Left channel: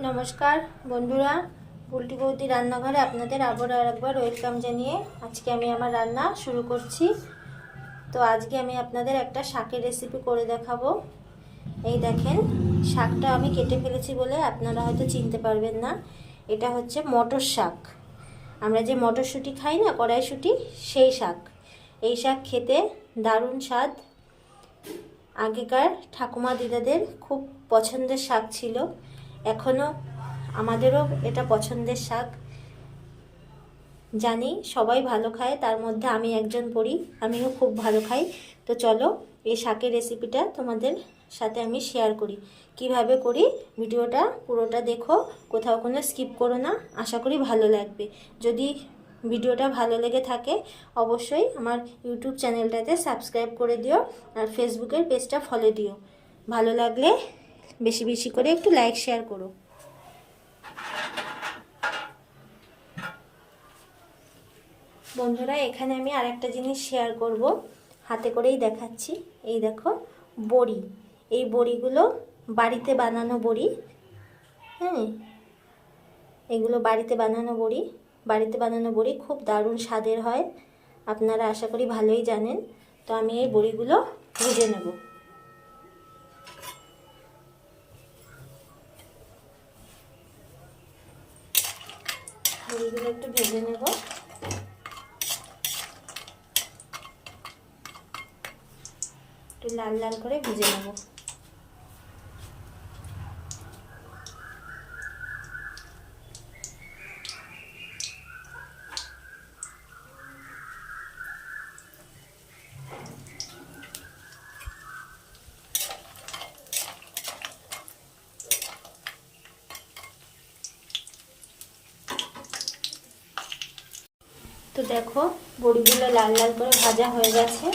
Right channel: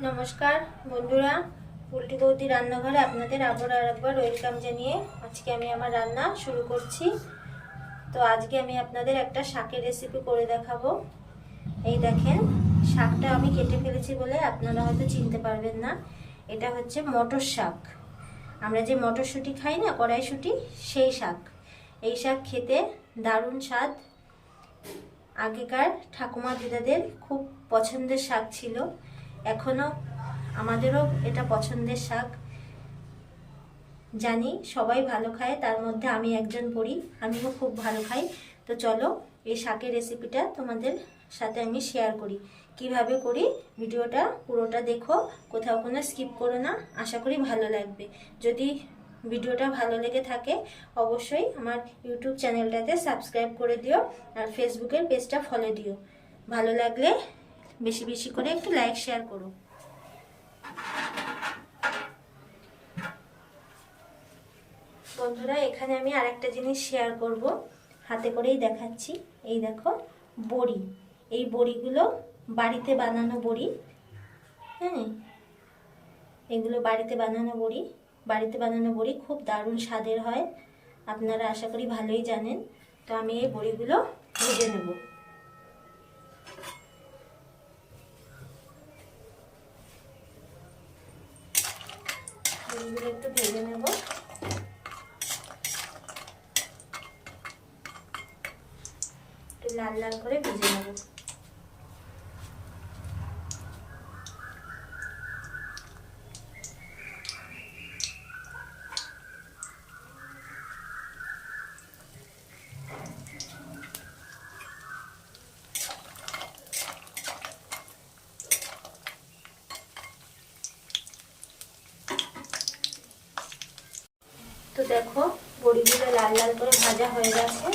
नमस्कार बंधुरा पुल्टी बौदी रान्नाघरे आपनादेर आबार आरेकबार वेलकाम जानिए आज के आमी आमार रान्ना शुरू करछि। तो आज के आमी आपनादेर एकटा शाकेर रेसिपि करे देखाबो। এই দেখেন শাকটা আমি কেটে ফেলেছি বলে আপনারা হয়তো চিনতে পারবেন না। এটা হচ্ছে মটর শাক। আমরা যে মটরশুঁটি খাই না, কড়াইশুঁটি, সেই শাক। এই শাক খেতে দারুণ স্বাদ। আগেকার ঠাকুমা দিদাদের খুব পছন্দের শাক ছিল, এখনো আমাদেরও এটা পছন্দের শাক। জানি সবাই ভালো খায়, তার মধ্যে আমি একজন পড়ি, আমিও খুব ভালো খাই। তো চলো এই শাকের রেসিপিটা তোমাদের সাথে আমি শেয়ার করি। কিভাবে করি ভিডিওটা পুরোটা দেখো, কোথাও কোনো স্কিপ করো না। আশা করি ভালো লাগবে। যদি ভিডিওটা ভালো লেগে থাকে অবশ্যই আমার ইউটিউব চ্যানেলটাতে সাবস্ক্রাইব করে দিও আর ফেসবুকের পেজটা ফলো দিও। ভালো লাগলে বেশি বেশি করে একটু লাইক শেয়ার করো। বন্ধুরা এখানে আমি আরেকটা জিনিস শেয়ার করব, হাতে করেই দেখাচ্ছি। এই দেখো বড়ি, এই বড়িগুলো বাড়িতে বানানো বড়ি। হ্যাঁ, এগুলো বাড়িতে বানানো বড়ি। বাড়িতে বানানো বড়ি খুব দারুণ স্বাদের হয়, আপনারা আশা করি ভালোই জানেন। তো আমি এই বড়িগুলো ভেজে নেব। বড়িগুলো একটু ভেজে নেব। একটু লাল লাল করে ভেজে নেব। তো দেখো বড়িগুলো লাল লাল করে ভাজা হয়ে গেছে।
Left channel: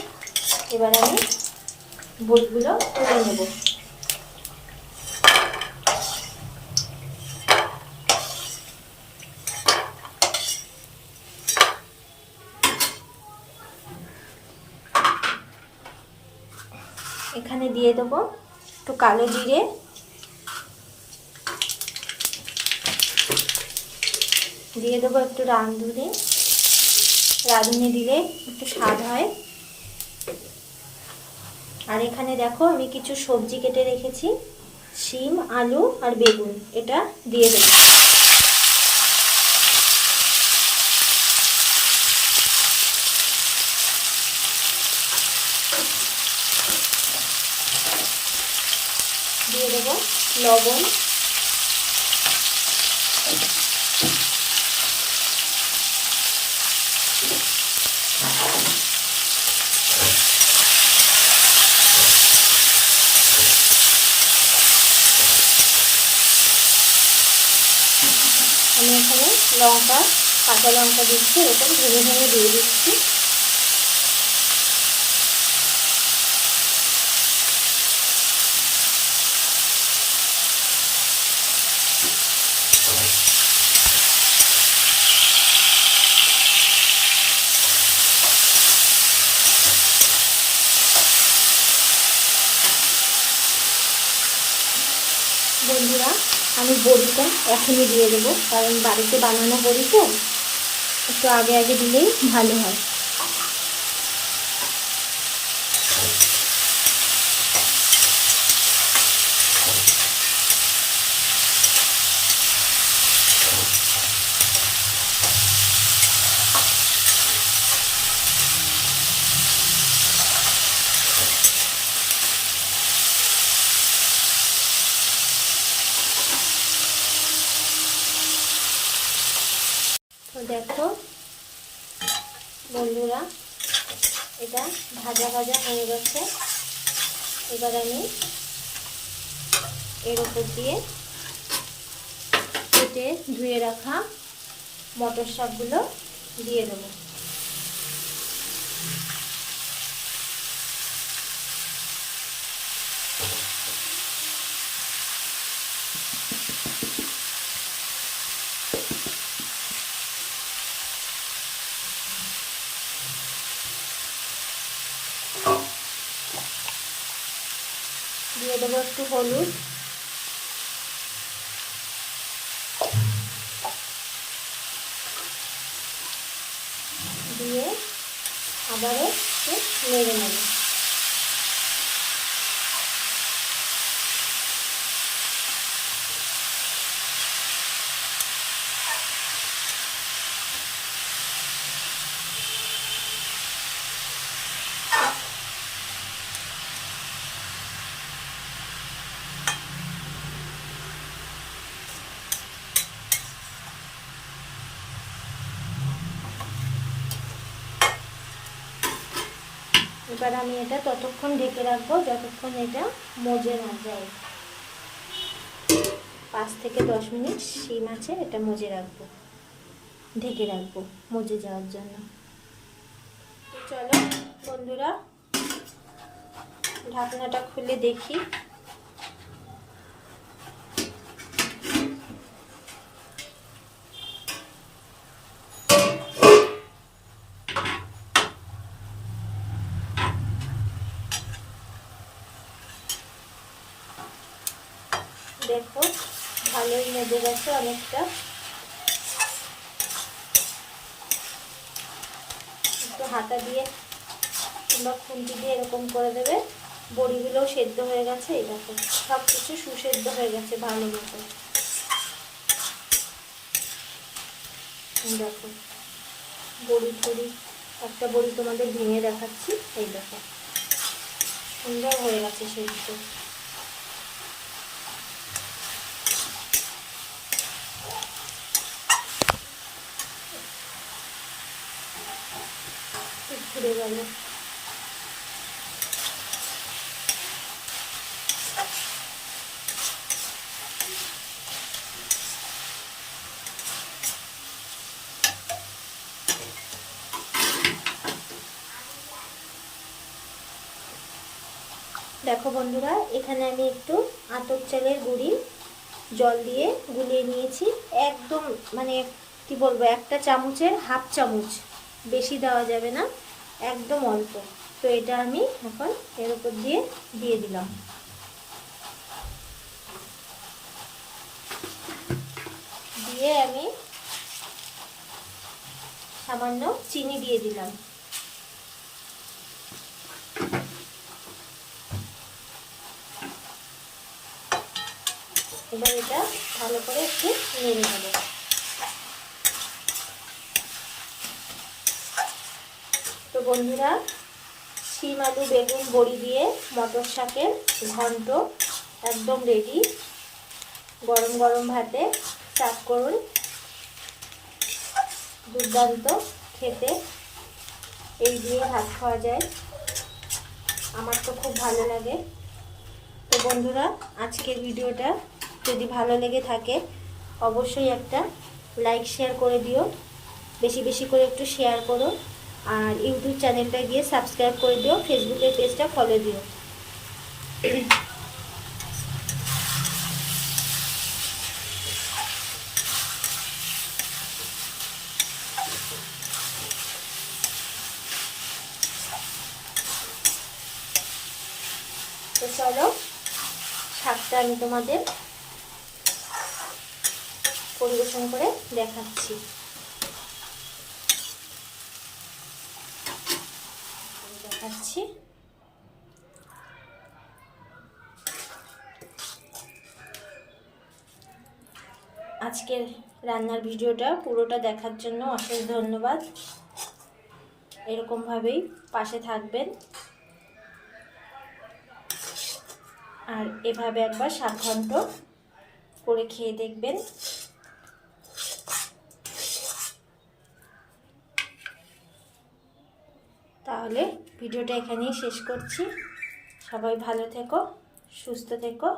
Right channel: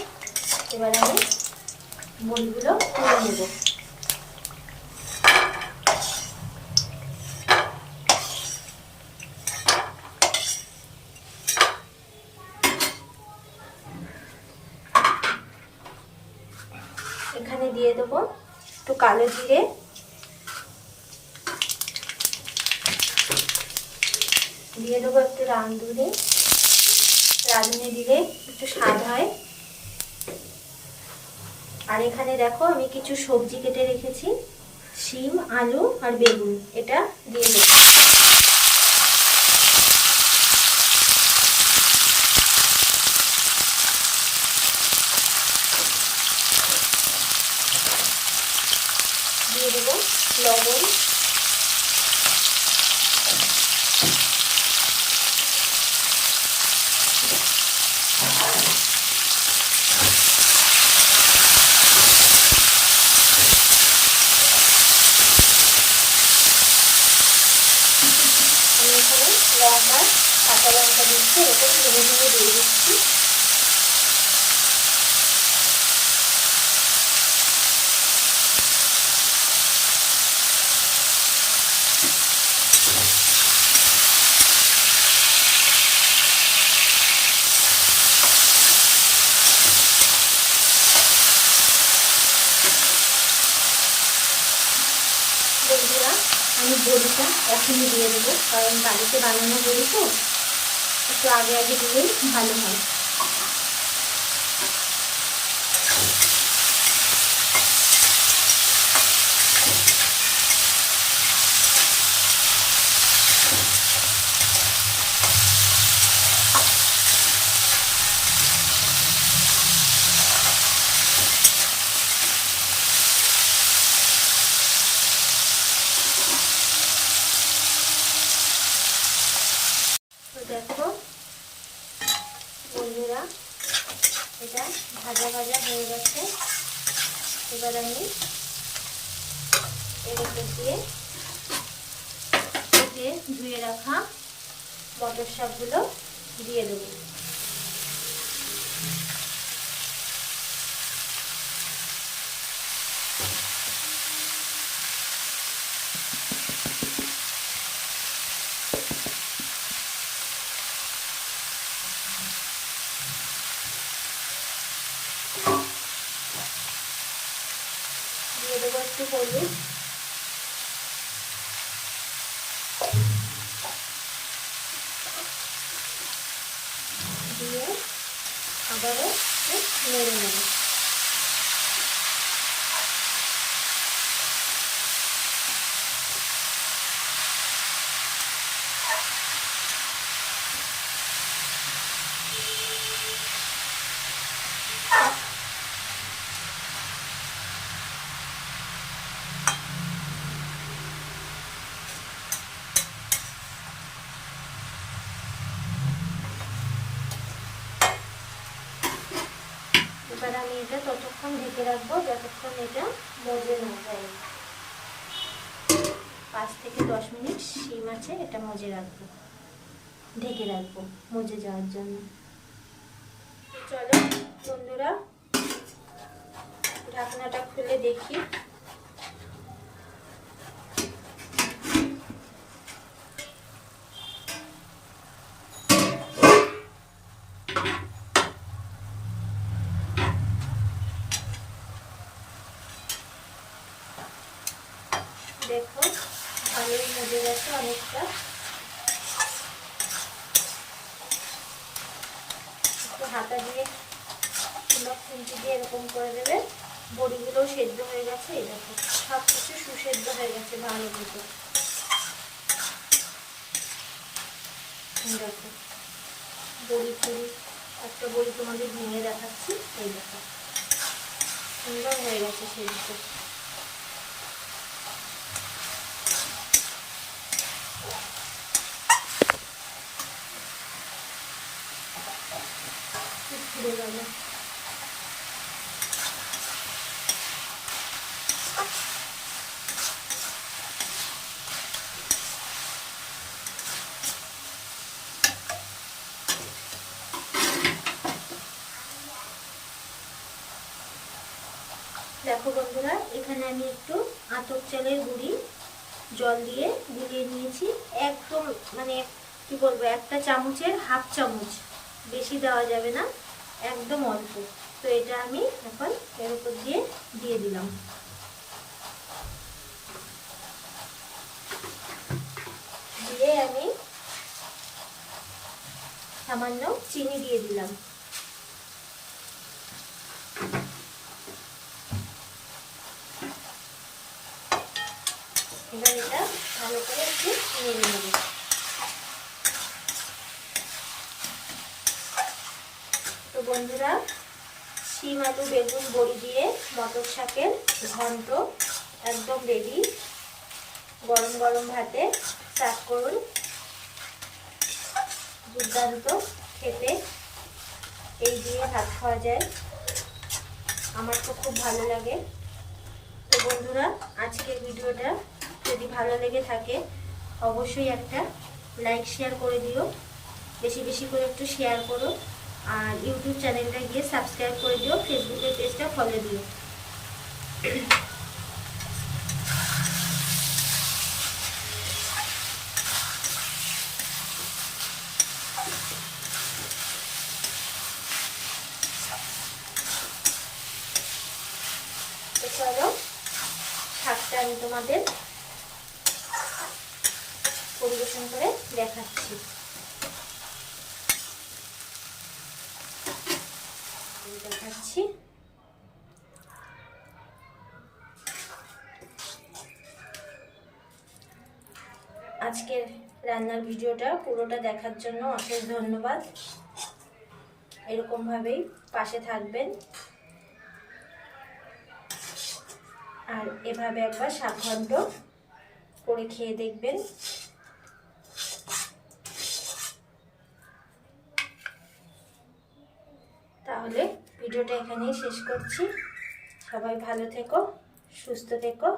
এবার আমি বড়িগুলো তুলে নেব। এখানে দিয়ে দেবো একটু কালো জিরে, দিয়ে দেবো একটু রাঁধুনি। রাঁধুনি দিলে একটু স্বাদ হয়। আর এখানে দেখো আমি কিছু সবজি কেটে রেখেছি, শিম, আলু আর বেগুন, এটা দিয়ে দেব। দিয়ে দেব লবণ, এখানে লঙ্কা, কাঁচা লঙ্কা দিচ্ছি, এরকম ভেঙে ভেঙে দিয়ে দিচ্ছি। বন্ধুরা আমি বড়িটা এখনই দিয়ে দেবো, কারণ বাড়িতে বানানো বড়ি তো একটু আগে আগে দিলেই ভালো হয়। তো দেখো বন্ধুরা এটা ভাজা ভাজা হয়ে গেছে। এবার আমি এর উপর দিয়ে কেটে ধুয়ে রাখা মটর শাকগুলো দিয়ে দেবো। দিয়ে দেবো একটু হলুদ, আবারও একটু নেড়ে নেব। এবার আমি এটা ততক্ষণ ঢেকে রাখবো যতক্ষণ এটা মজে না যায়। 5 থেকে 10 মিনিট শিম আছে এটা মজে রাখবো, ঢেকে রাখবো মজে যাওয়ার জন্য। চলো বন্ধুরা ঢাকনাটা খুলে দেখি। দেখো ভালোই মজে গেছে অনেকটা। একটু হাতা দিয়ে কিংবা খুন্তি দিয়ে এরকম করে দেবে। বড়িগুলোও সেদ্ধ হয়ে গেছে, এই দেখো সব কিছু সুসেদ্ধ হয়ে গেছে ভালো মতো। দেখো বড়ি একটা বড়ি তোমাদের ভেঙে দেখাচ্ছি, এই দেখো সুন্দর হয়ে গেছে সেদ্ধ। ঘুরে গেল। দেখো বন্ধুরা এখানে আমি একটু আতপ চালের গুঁড়ি জল দিয়ে গুলিয়ে নিয়েছি। একদম মানে কি বলবো, একটা চামচের হাফ চামচ, বেশি দেওয়া যাবে না, একদম অল্প। তো এটা আমি এখন এর উপর দিয়ে দিলাম। দিয়ে আমি সামান্য চিনি দিয়ে দিলাম। এবার এটা ভালো করে একটু নেড়ে নেবে। তো বন্ধুরা শিম আলু বেগুন বড়ি দিয়ে মটর শাকের ঘন্ট একদম রেডি। গরম গরম ভাতে সার্ভ করুন, দুর্দান্ত খেতে। এই দিয়ে ভাত খাওয়া যায়, আমার তো খুব ভালো লাগে। তো বন্ধুরা আজকের ভিডিওটা যদি ভালো লেগে থাকে অবশ্যই একটা লাইক শেয়ার করে দিও, বেশি বেশি করে একটু শেয়ার করো। আর ইউটিউব চ্যানেলটা গিয়ে সাবস্ক্রাইব করে দিও, ফেসবুকের পেজটা ফলো দিও। তো চলো শাকটা আমি তোমাদের পরিবেশন করে দেখাচ্ছি। আজকের রান্নার ভিডিওটা পুরোটা দেখার জন্য অশেষ ধন্যবাদ। এরকমভাবেই পাশে থাকবেন আর এভাবে একবার শাক ঘন্ট করে খেয়ে দেখবেন। তাহলে ভিডিওটা এখানেই শেষ করছি। সবাই ভালো থেকো, সুস্থ থেকো।